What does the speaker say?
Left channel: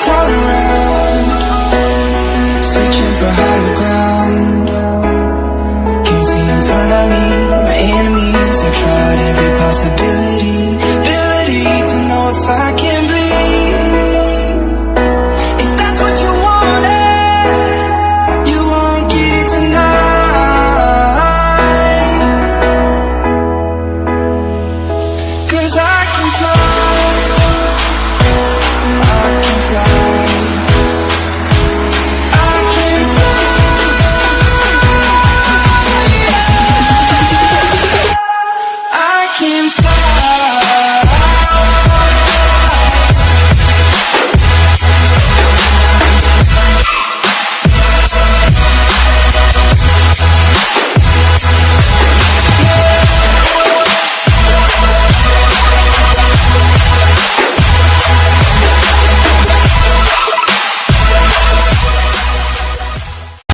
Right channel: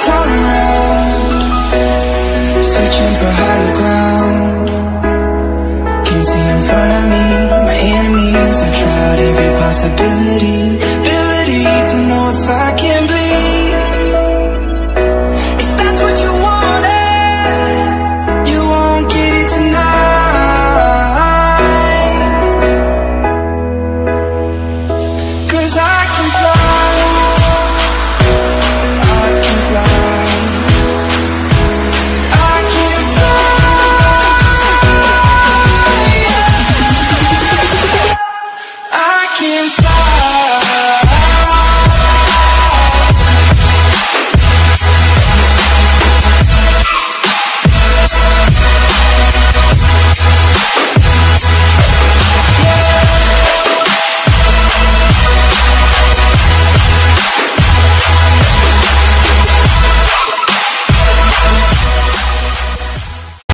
Crawling around, searching for higher ground. Can't see in front of me, my enemies. I've tried every possibility, ability to know if I can bleed.